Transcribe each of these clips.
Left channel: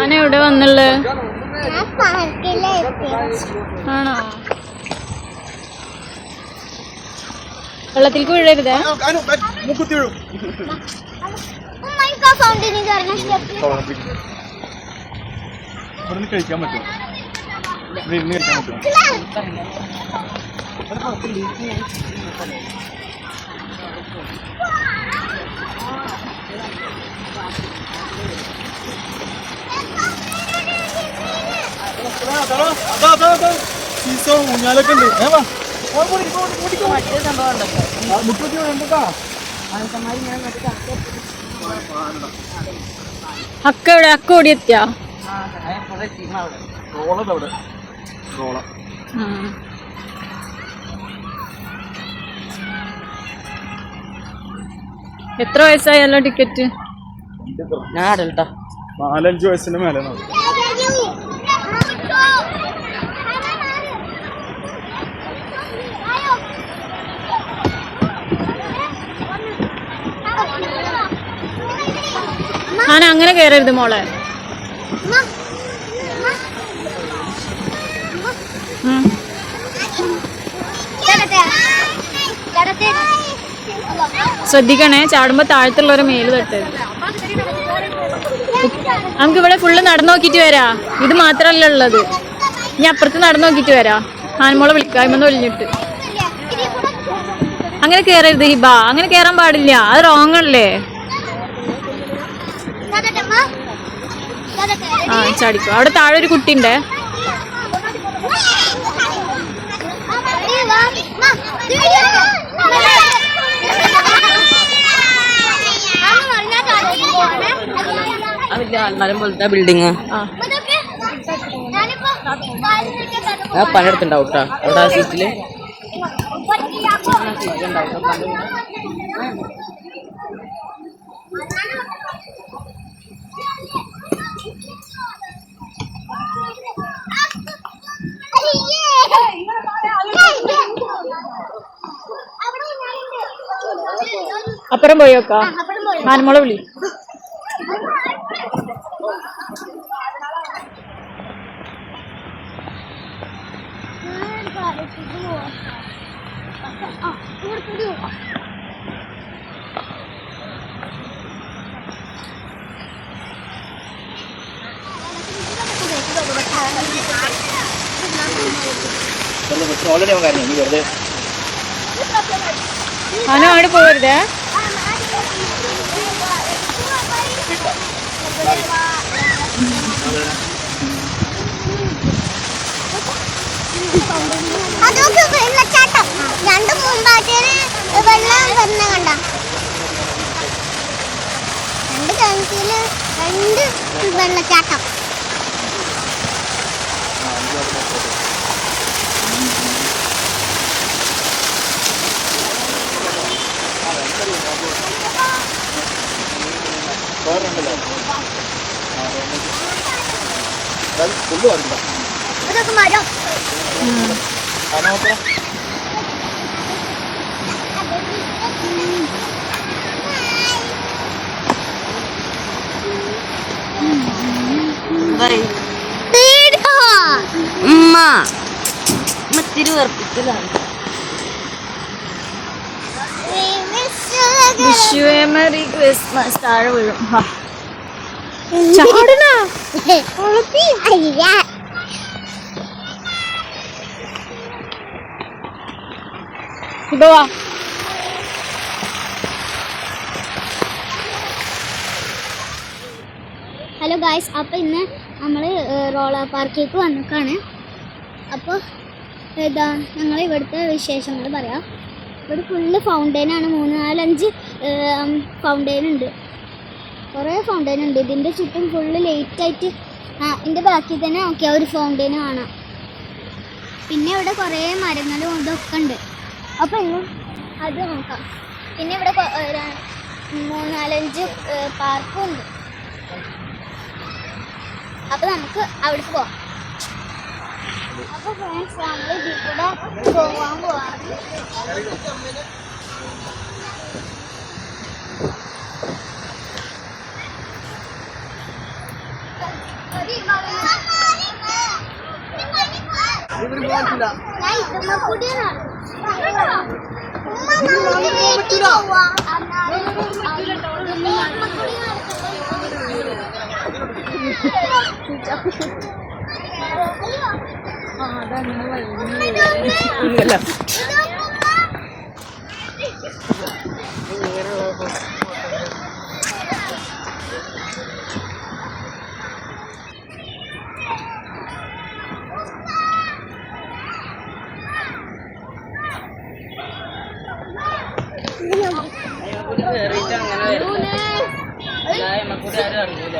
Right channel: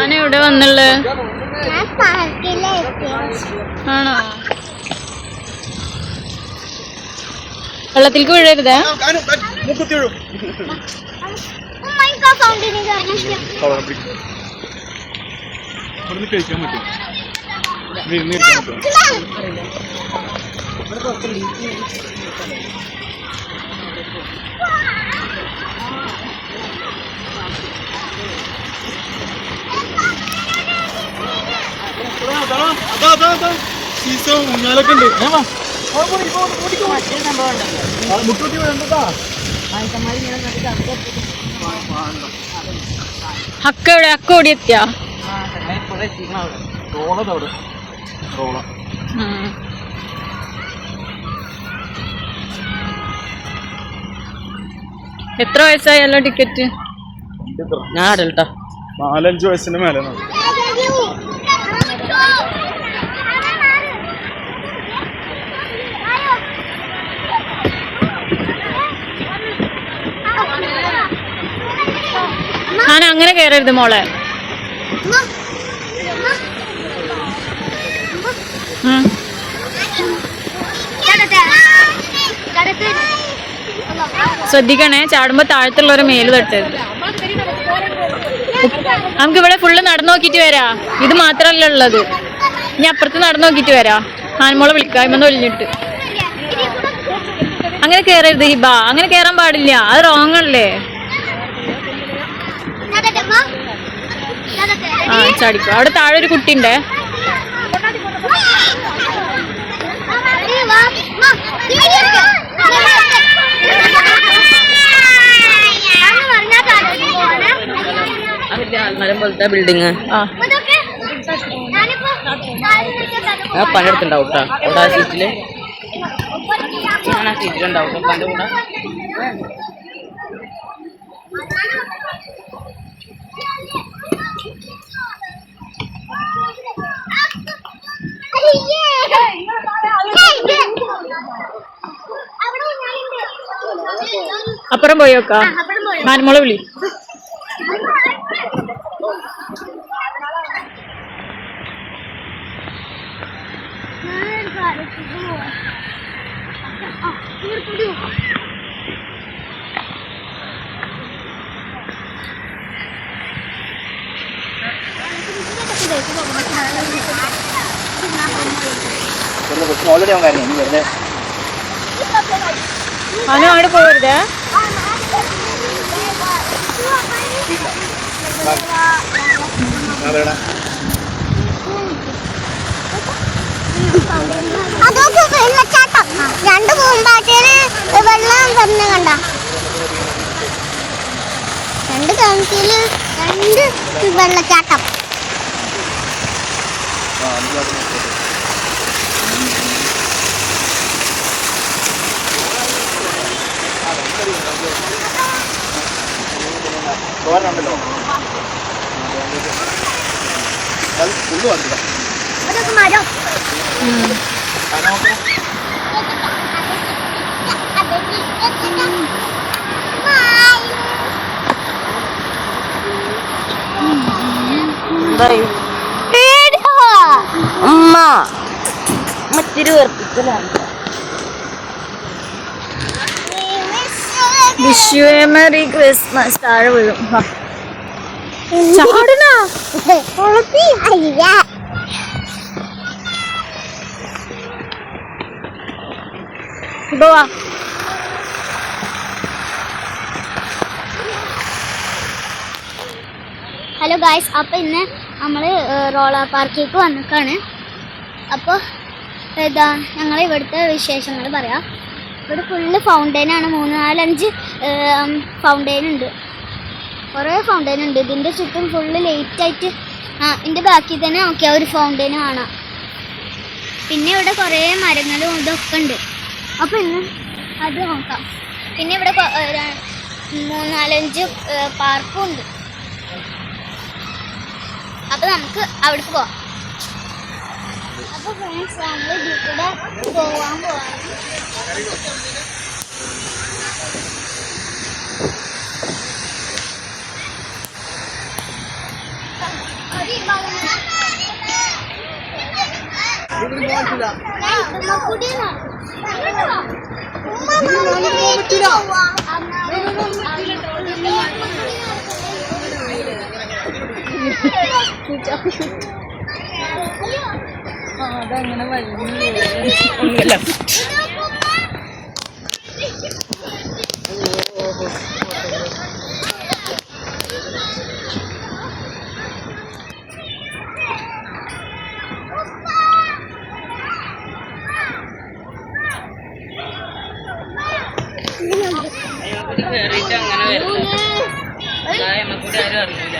ആന എവിടെ വന്നുള്ളേ? ആണോ? വെള്ളത്തിലേക്ക് വീഴരുതേ. അക്ക എവിടെ? അക്ക ഓടിയെത്തിയാ? എത്ര വയസ്സായല്ലോ ടിക്കറ്റ്? ഞാൻ അടൽട്ടാ 4-5 വയസ്സിന്റെ മേലെ. ആന അങ്ങനെ കയറരുത് മോളെ. ശ്രദ്ധിക്കണേ, ചാടുമ്പോ താഴത്തുള്ളവരെ മേല് തട്ടരുത്. നമുക്ക് ഇവിടെ ഫുള്ള് നടന്നു നോക്കിട്ട് വരാ. ഇത് മാത്രല്ല ഉള്ളത്, ഇനി അപ്പുറത്ത് നടന്നു നോക്കിട്ട് വരാ. ആനമോളെ വിളിക്കായ്മന്ന് ഒലിഞ്ഞിട്ട്. അങ്ങനെ കേറരുത് ഹിബ, അങ്ങനെ കേറാൻ പാടില്ല, അത് റോങ് അല്ലേ. ആ ചാടിക്കോ. അവിടെ താഴെ ഒരു കുട്ടിണ്ടേ. ബിൽഡിങ് പണിയെടുത്തുണ്ടാവും കേട്ടോ. അവിടെ ആ സീറ്റില് സീറ്റിലുണ്ടാവും. അപ്പുറം പോയോക്കാ. ആനമോളെ വിളി. ആന അങ്ങോട്ട് പോയരുതേ. രണ്ട് പൂമ്പാറ്റേനെ വെള്ളം തന്നെ കണ്ട. രണ്ട് കിണറ്റില് 2 വെള്ളച്ചാട്ടം. അതൊക്കെ മരം. അമ്മ തിരുവർപ്പിക്കലാണ്. Wish you a merry Christmas. താഴെ വീഴും. ചാടണ ഇപ്പൊ വാ. ഹലോ ഗായ്സ്, അപ്പോൾ ഇന്ന് നമ്മൾ റോളർ പാർക്കിലേക്ക് വന്നിക്കാണ്. അപ്പോൾ ഇതാ ഞങ്ങൾ ഇവിടുത്തെ വിശേഷങ്ങൾ പറയാം. ഇവിടെ ഫുള്ള് ഫൗണ്ടെയിനാണ്. 3-4-5 ഫൗണ്ടെയിൻ ഉണ്ട്. കുറേ ഫൗണ്ടെയിൻ ഉണ്ട്. ഇതിൻ്റെ ചുറ്റും ഫുള്ള് ലേറ്റായിട്ട് ഇതിൻ്റെ ബാക്കി തന്നെ നോക്കിയാൽ ഒരു ഫൗണ്ടെയിൻ കാണാം. പിന്നെ ഇവിടെ കുറേ മരങ്ങളും ഇതൊക്കെ ഉണ്ട്. അപ്പോൾ ഇന്ന് അത് നോക്കാം. പിന്നെ ഇവിടെ 3-4-5 പാർക്കും ഉണ്ട്. അപ്പോൾ നമുക്ക് അവിടേക്ക് പോവാം. അപ്പോൾ ഫ്രണ്ട്സ്, ഞങ്ങൾ ഇതിൽ കൂടെ പോവാണ്. കേറിയിട്ട് അങ്ങനെ വരും കൂടി ആരും അറിയില്ല.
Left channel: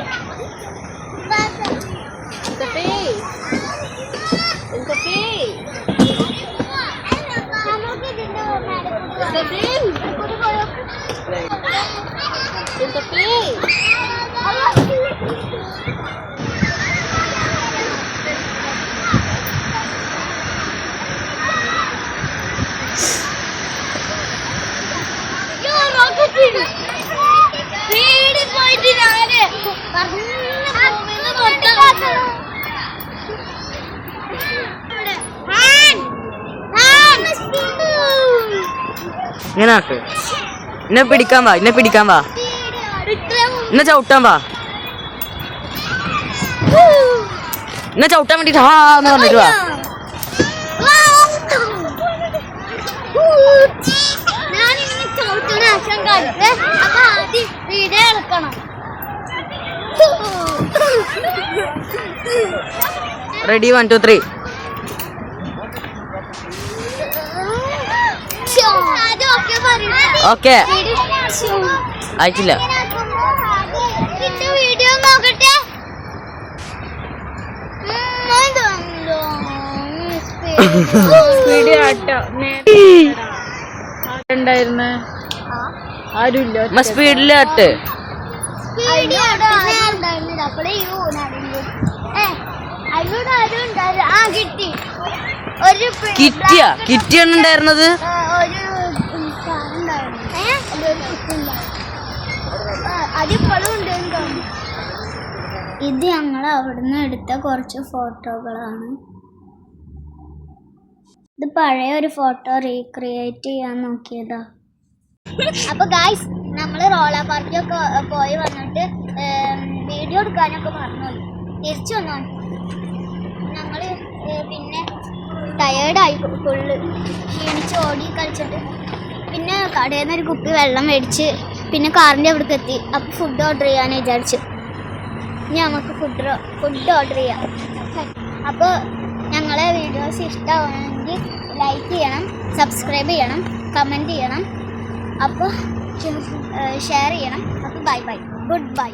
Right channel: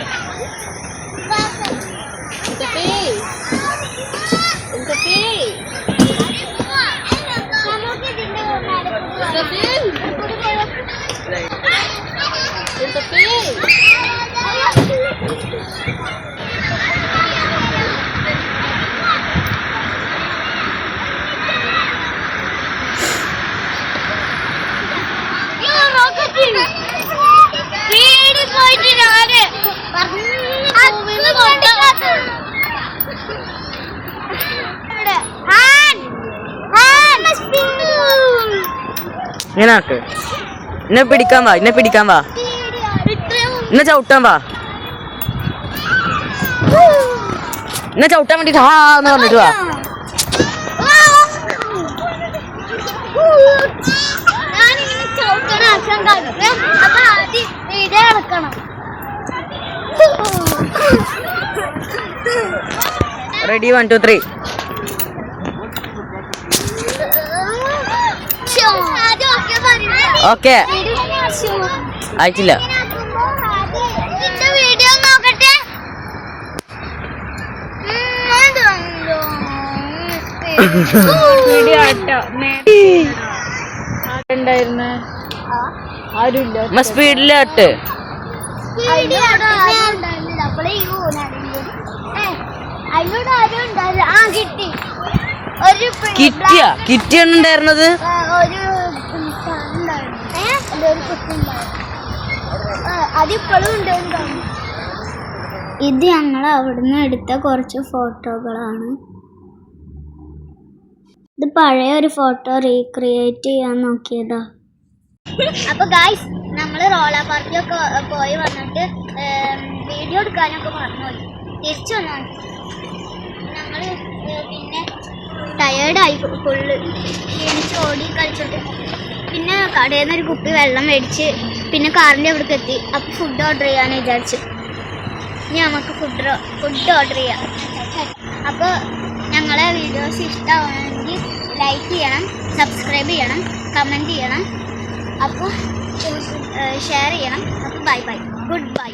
ഇങ്ങനെ ആക്ക്. എന്നെ പിടിക്കാൻ വാ, എന്നെ പിടിക്കാൻ വാ, എന്നെ ചവിട്ടാൻ വാ, എന്നെ ചവിട്ടാൻ വേണ്ടിട്ട് ഹാ എന്ന് പറഞ്ഞിട്ട് വാ. റെഡി 1 2 3. ഓക്കെ ആയിട്ടില്ല. വീഡിയോ നോക്കട്ടെ. ആരുമില്ല. സ്പീഡിലാട്ട്. അതിലൂടെ ആരും ഉണ്ടാവില്ല. ആ കിട്ടി. ഒരു കിറ്റിയാണ് ഉണ്ടായിരുന്നത്. അതിപ്പോഴും ഉണ്ട്. ഇത് ഞങ്ങൾ അവിടുന്ന് എടുത്ത കുറച്ച് ഫോട്ടോകളാണ്. ഇത് പഴയ ഒരു ഫോട്ടോ റീക്രിയേറ്റ് ചെയ്യാൻ നോക്കിയതാ. അപ്പൊ ഗായ്സ്, നമ്മൾ റോളർ പാർക്കിലൊക്കെ പോയി വന്നിട്ട് വീഡിയോ എടുക്കാനൊക്കെ മറന്നുപോയി. തിരിച്ചു വന്നു. ഞങ്ങള് പിന്നെ ടയേർഡായി ഫുള്ള് ക്ഷീണിച്ച് ഓടി കളിച്ചിട്ട് പിന്നെ കടയിൽ നിന്ന് ഒരു കുപ്പി വെള്ളം മേടിച്ച് പിന്നെ കാറിൻ്റെ അവിടേക്ക് എത്തി. അപ്പോൾ ഫുഡ് ഓർഡർ ചെയ്യാമെന്ന് വിചാരിച്ച്. ഇനി നമുക്ക് ഫുഡ് ഓർഡർ ചെയ്യാം. അപ്പോൾ ഞങ്ങളെ വീഡിയോസ് ഇഷ്ടമാണെങ്കിൽ ലൈക്ക് ചെയ്യണം, സബ്സ്ക്രൈബ് ചെയ്യണം, കമൻറ്റ് ചെയ്യണം, അപ്പോൾ ഷെയർ ചെയ്യണം. അപ്പോൾ ബൈ ബൈ, ഗുഡ് ബൈ.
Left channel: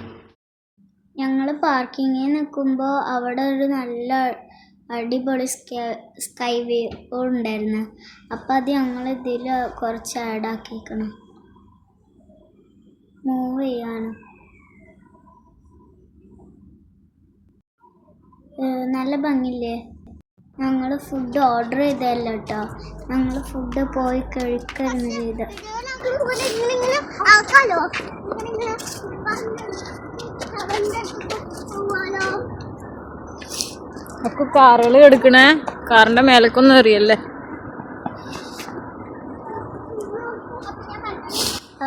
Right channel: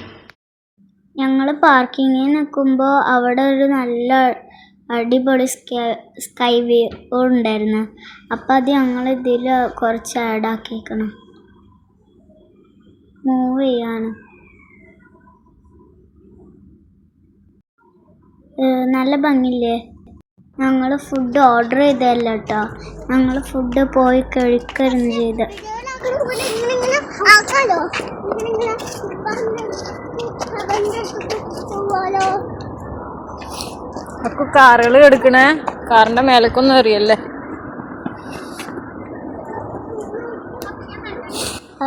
ഞങ്ങൾ പാർക്കിങ്ങിൽ നിൽക്കുമ്പോൾ അവിടെ ഒരു നല്ല അടിപൊളി സ്കൈ വ്യൂ ഉണ്ടായിരുന്നു. അപ്പോൾ അത് ഞങ്ങൾ ഇതിൽ കുറച്ച് ആഡാക്കിക്കണം. മൂവ് ചെയ്യാണ്. നല്ല ഭംഗിയില്ലേ? ഞങ്ങൾ ഫുഡ് ഓർഡർ ചെയ്തതല്ല കേട്ടോ, ഞങ്ങൾ ഫുഡ് പോയി കഴിക്കായിരുന്നു ചെയ്ത്. ഒക്കെ കാറുകൾ എടുക്കണേ, കാറിന്റെ മേലക്കൊന്നും എറിയല്ലേ.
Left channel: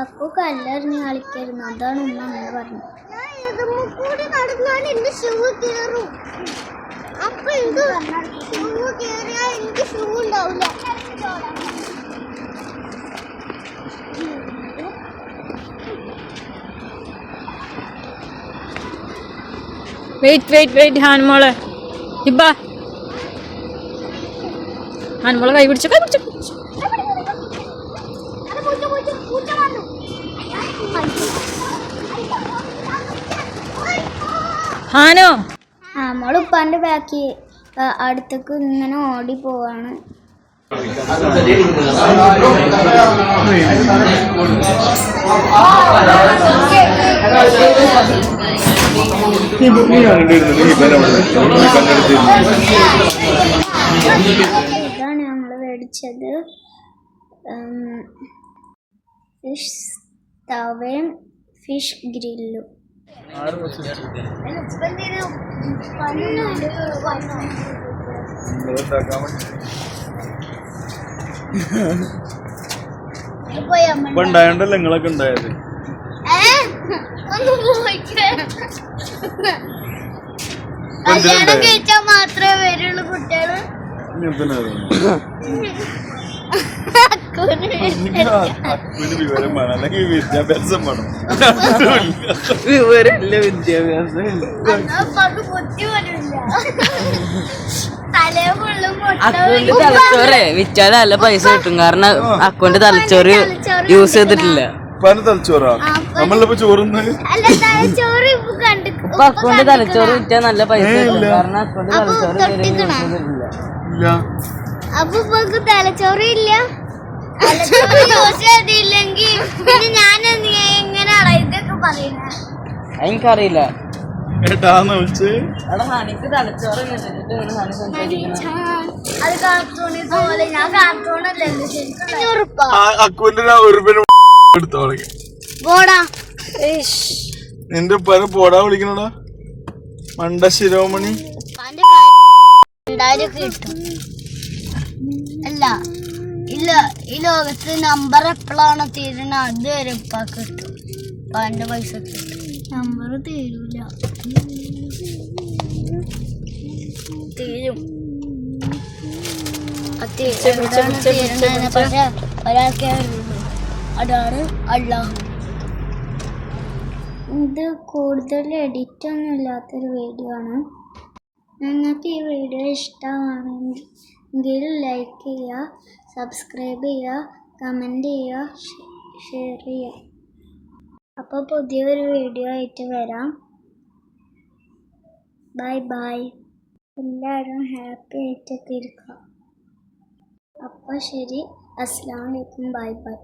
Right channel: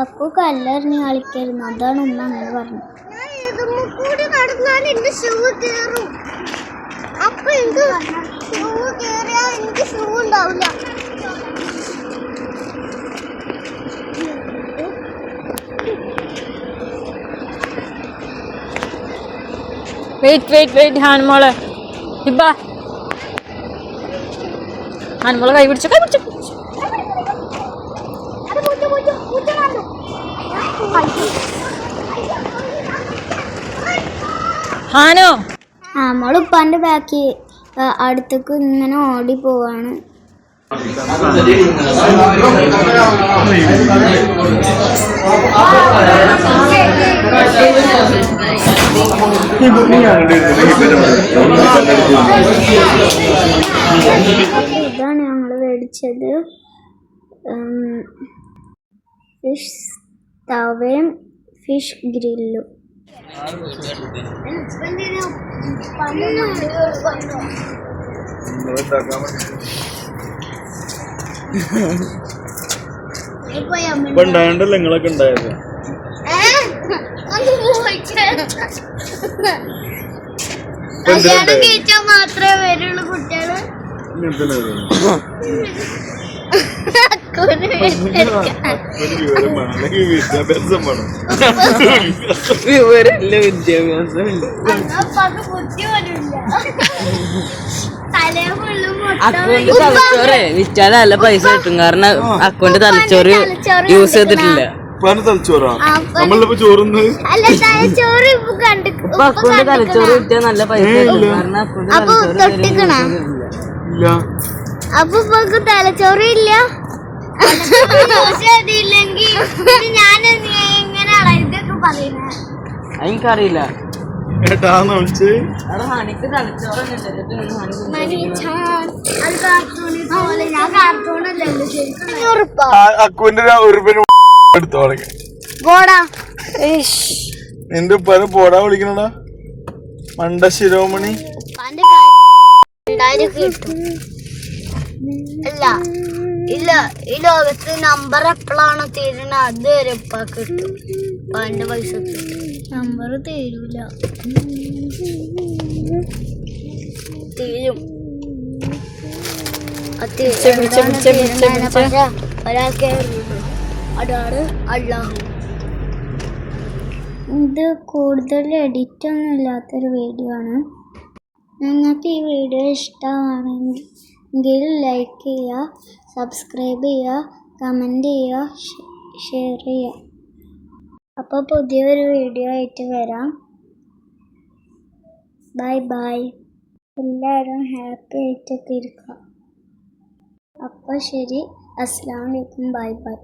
അപ്പോൾ കല്ലെറിഞ്ഞ് കളിക്കായിരുന്നു. അതാണ് ഉമ്മ അങ്ങനെ പറഞ്ഞത്. വെയിറ്റ് ഹാൻമോളെ ഹിബ, ഹാൻമോളെ കൈ പിടിച്ചു. ഹാനോ നമ്മൾ ഉപ്പാൻ്റെ ബാക്കി അടുത്തേക്ക് ഇങ്ങനെ ഓടി പോവാണ്. ഇതാണ് ഞങ്ങൾ മേടിച്ചത്. ഫിഷ് തവയും ഫിഷ് ഗ്രില്ലും. ഇപ്പൊ ഉണ്ടായണ്ടല്ലോ നിങ്ങളൊക്കെ ഉണ്ടായത്. കല്യാണം കഴിച്ചാൽ മാത്രമേ വരുള്ളൂ കുട്ടികള്. വിവരം വേണം, അല്ലെങ്കിൽ വിദ്യാഭ്യാസം വേണം. വിവരമില്ല, വിദ്യാഭ്യാസം ബുദ്ധി പോലില്ല. തലേ ഫുള്ളും അക്കൗണ്ട് തലച്ചോറ് വിറ്റാൽ നല്ല പൈസ കിട്ടും. കാരണം അക്കൗണ്ട് തലച്ചോറ് യൂസ് ചെയ്തിട്ടില്ല. പല തലച്ചോറാ നമ്മളിപ്പോ ചോറുന്നത്. ഇപ്പൊ അക്കൗണ്ട് തലച്ചോറ് വിറ്റാൽ നല്ല പൈസ കിട്ടും. കാരണം അക്കൗണ്ട് തലച്ചോറ് യൂസ് ചെയ്തിട്ടില്ല. അപ്പൊ തലച്ചോറ് ഇല്ല. യൂസ് ചെയ്തില്ലെങ്കിൽ ഞാൻ എങ്ങനെയാണോ ഇതൊക്കെ പറയുന്നത്? എനിക്കറിയില്ല. ഏട്ടാന്ന് വിളിച്ച് അവിടെ ഹണിക്ക് തലച്ചോറ് അത് കാർട്ടൂണിൽ പോലെ. ഞാൻ കാർട്ടൂണല്ലേ അക്കുവിന്റെ ഒരു എടുത്തു തുടങ്ങി. പോടാ നിന്റെ ഉപ്പാന് പോടാ വിളിക്കണടാ മണ്ട ശിരോമണി. കിട്ടും. അല്ല ഇല്ല, ഈ ലോകത്ത് നമ്പർ എപ്പോഴാണോ തീരണ അതുവരെ ഉപ്പാ കിട്ടും. ഉപ്പാന്റെ പൈസ കിട്ടും. നമ്പർ തീരൂല, തീരും. പക്ഷെ ഒരാൾക്കേ അറിയുള്ളൂ, അതാണ് അല്ലാഹു. ഇത് കൂടുതൽ എഡിറ്റ് ഒന്നും ഇല്ലാത്തൊരു വീഡിയോ ആണ്. നിങ്ങൾക്ക് ഈ വീഡിയോ ഇഷ്ടമാണെങ്കിൽ ലൈക്ക് ചെയ്യുക, സബ്സ്ക്രൈബ് ചെയ്യുക, കമൻറ്റ് ചെയ്യുക, ഷെയർ ചെയ്യുക. അപ്പോൾ പുതിയൊരു വീഡിയോ ആയിട്ട് വരാം. Bye bye. എല്ലാവരും ഹാപ്പി ആയിട്ടൊക്കെ ഇരിക്കുക. അപ്പോൾ ശരി, അസ്സലാമു അലൈക്കും, ബൈ ബൈ.